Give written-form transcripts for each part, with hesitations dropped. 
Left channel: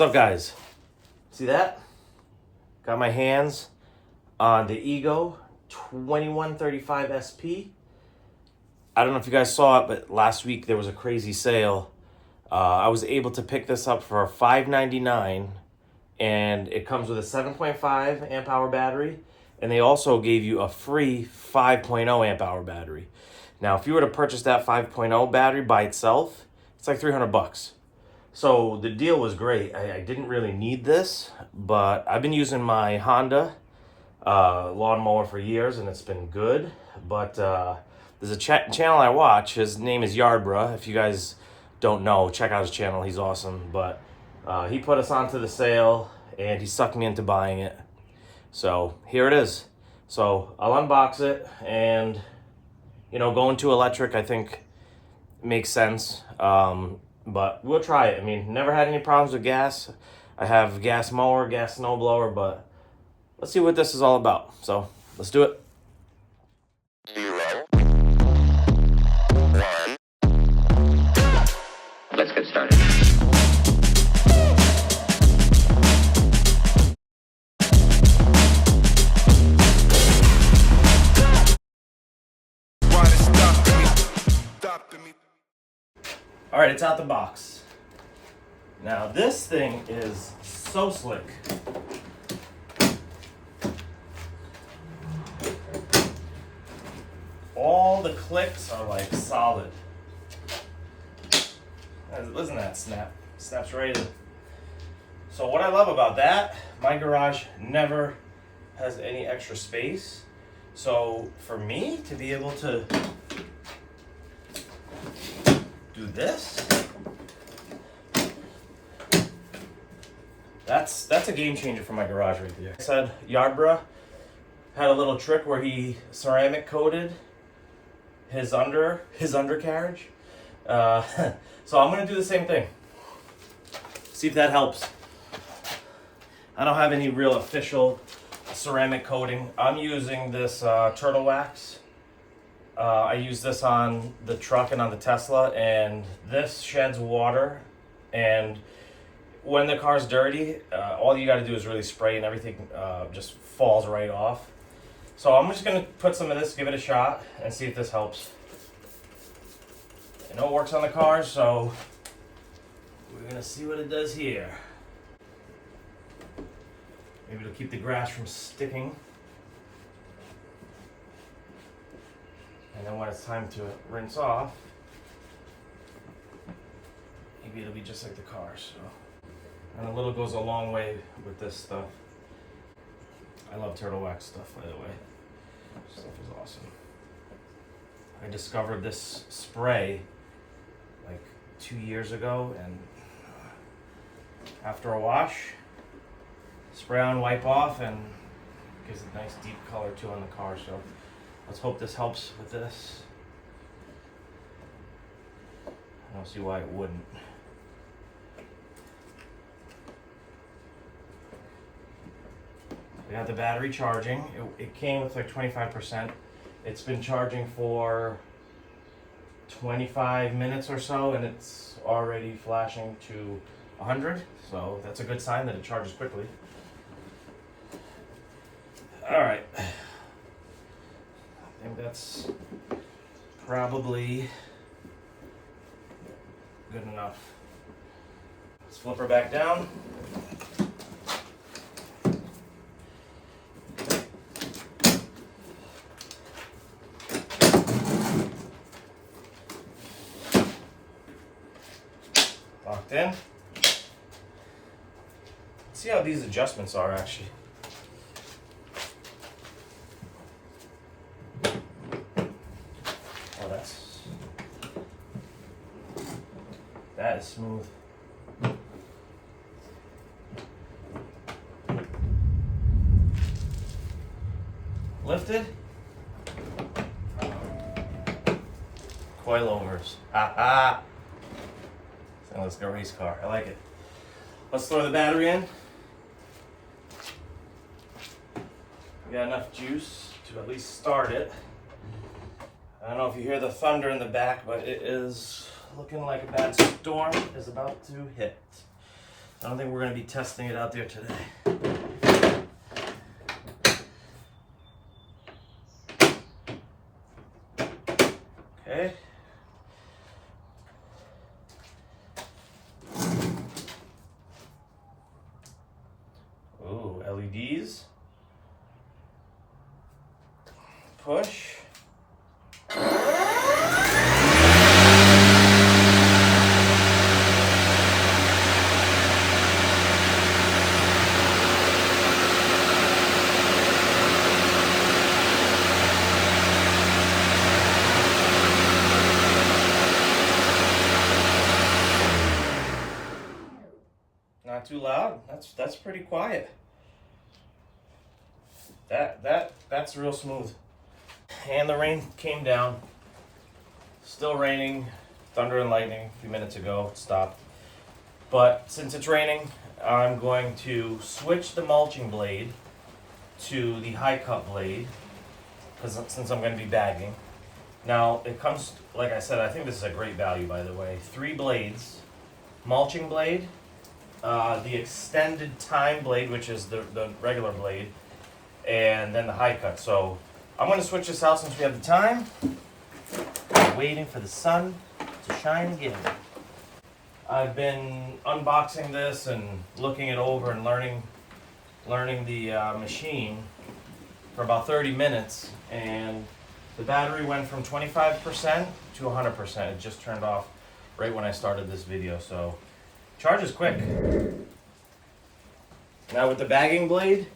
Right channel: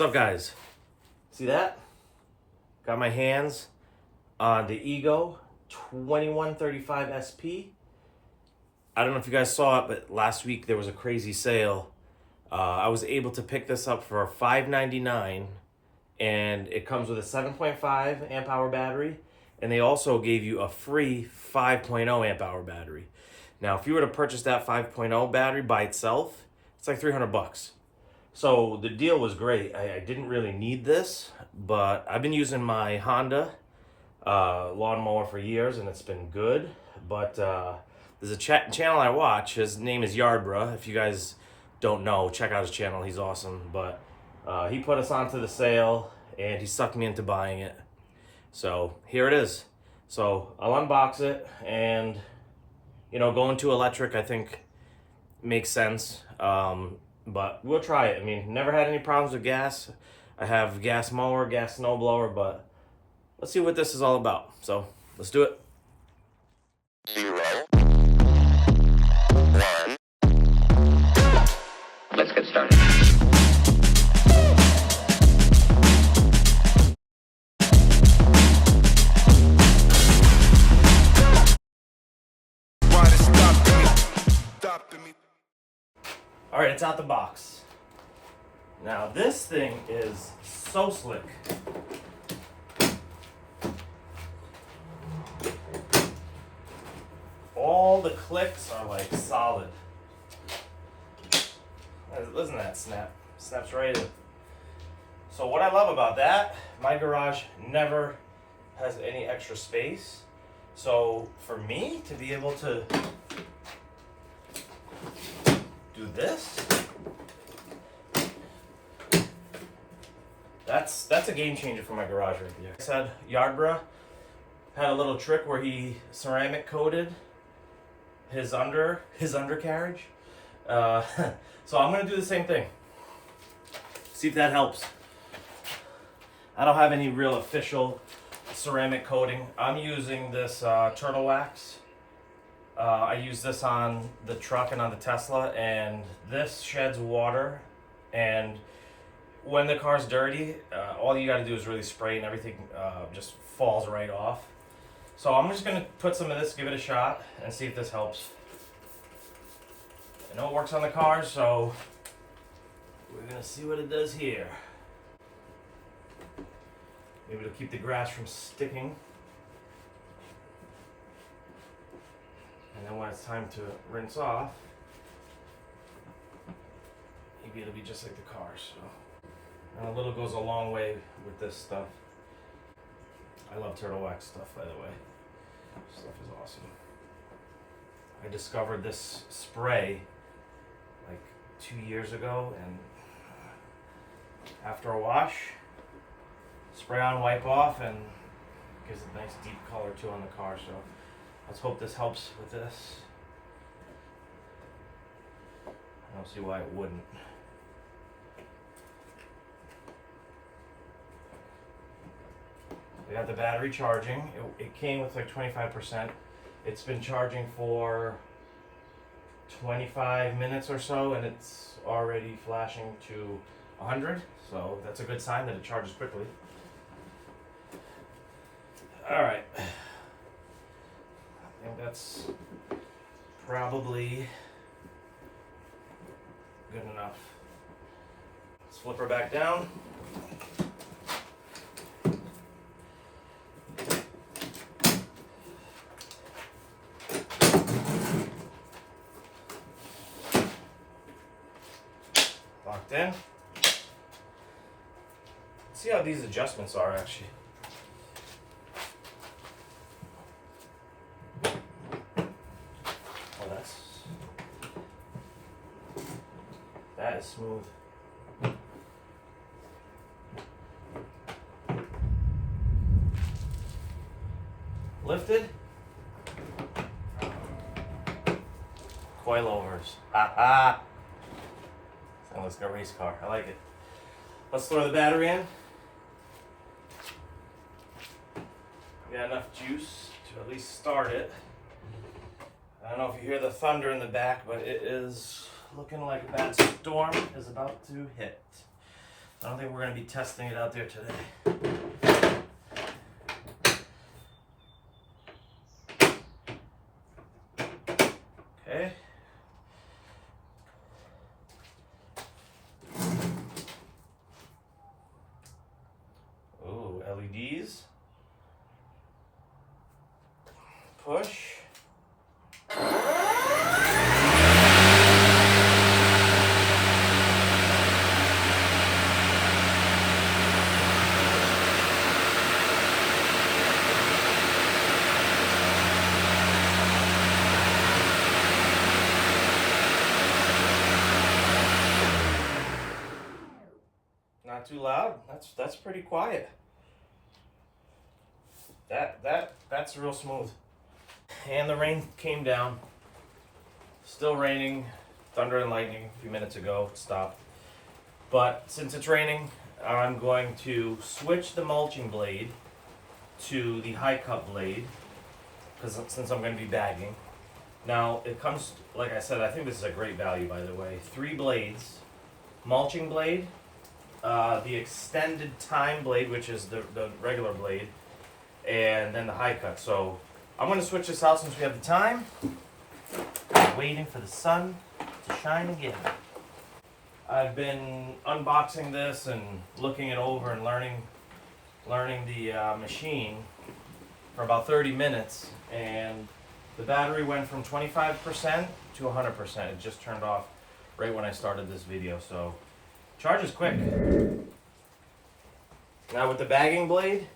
What's up, guys? See that? Got my hands on the Ego 2135 SP. I don't know if you guys saw it, but last week there was a crazy sale. I was able to pick this up for $5.99, and it comes with a 7.5 amp hour battery, and they also gave you a free 5.0 amp hour battery. Now, if you were to purchase that 5.0 battery by itself, it's like 300 bucks. So the deal was great. I didn't really need this, but I've been using my Honda lawn mower for years, and it's been good. But there's a channel I watch. His name is Yardbra. If you guys don't know, check out his channel. He's awesome. But he put us onto the sale, and he sucked me into buying it. So here it is. So I'll unbox it, and you know, going to electric, I think makes sense. But we'll try it. I mean, never had any problems with gas. I have gas mower, gas snowblower, but let's see what this is all about. So let's do it. 0, 1. Let's get started. All right, it's out the box. Now this thing is so slick. All the clicks are like solid. Listen to that snap. Snaps right in. So what I love about that, my garage never has any extra space. So for me to be able to do this, that's a game changer for my garage right there. I said Yardbra had a little trick where he ceramic coated his undercarriage. So I'm gonna do the same thing. See if that helps. I don't have any real official ceramic coating. I'm using this turtle wax. I use this on the truck and on the Tesla, and this sheds water, and when the car's dirty, all you gotta do is really spray and everything just falls right off. So I'm just gonna put some of this, give it a shot, and see if this helps. I know it works on the car, so we're gonna see what it does here. Maybe it'll keep the grass from sticking. And then when it's time to rinse off, maybe it'll be just like the car. So, and a little goes a long way with this stuff. I love turtle wax stuff, by the way. This stuff is awesome. I discovered this spray like 2 years ago, and after a wash, spray on, wipe off, and gives a nice deep color too on the car. So let's hope this helps with this. I don't see why it wouldn't. We got the battery charging. It came with like 25%. It's been charging for 25 minutes or so, and it's already flashing to 100. So that's a good sign that it charges quickly. All right. I think that's probably good enough. Let's flip her back down. Locked in. Let's see how these adjustments are actually. That is smooth. Lifted. Coilovers. Ha ha. Sounds like a race car. I like it. Let's throw the battery in. We got enough juice to at least start it. I don't know if you hear the thunder in the back, but it is looking like a bad storm is about to hit. I don't think we're going to be testing it out there today. Okay. Ooh, LEDs. Push. Not too loud. That's pretty quiet. That's real smooth. And the rain came down. Still raining. Thunder and lightning a few minutes ago. It stopped. But since it's raining, I'm going to switch the mulching blade to the high cut blade, because since I'm going to be bagging. Now it comes, like I said, I think this is a great value, by the way. 3 blades, mulching blade, the extended time blade, which is the regular blade, and then the high cut. So I'm going to switch this out since we have the time. I'm waiting for the sun to shine again. I've been unboxing this and looking it over and learning the machine for about 30 minutes, and the battery went from 25% to 100%. It just turned off right when I started this video, so charges quick. Now with the bagging blade,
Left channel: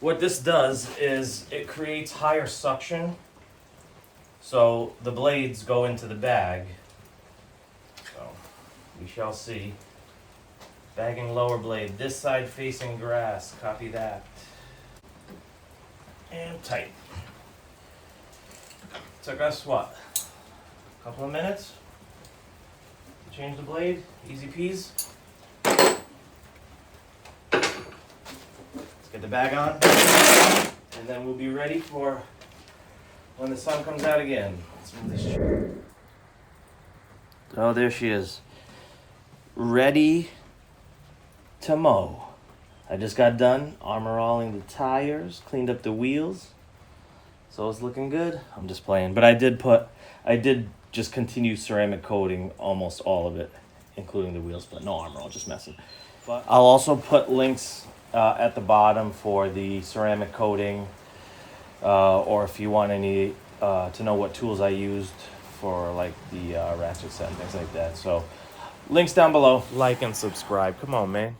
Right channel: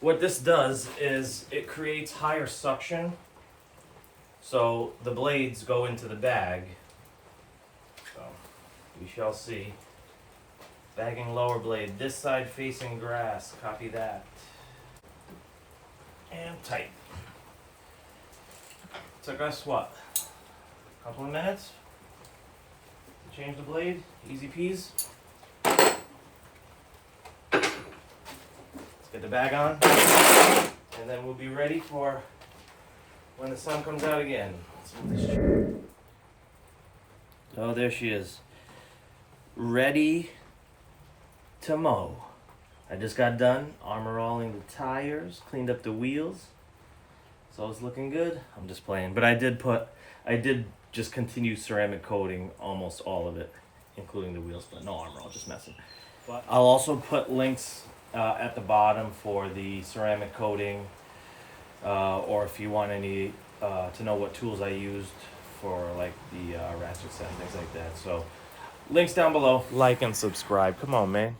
what this does is it creates higher suction, so the blades go into the bag. So we shall see. Bagging lower blade, this side facing grass, copy that. And tight. Took us what? A couple of minutes? Change the blade, easy peas. Let's get the bag on, and then we'll be ready for when the sun comes out again. Let's move this chair. Oh, there she is. Ready to mow. I just got done armor-alling the tires, cleaned up the wheels, so it's looking good. I'm just playing, but I did just continue ceramic coating almost all of it, including the wheels, but no armor, I'll just messing. But I'll also put links at the bottom for the ceramic coating, or if you want any to know what tools I used for like the ratchet set and things like that. So links down below. Like and subscribe. Come on, man.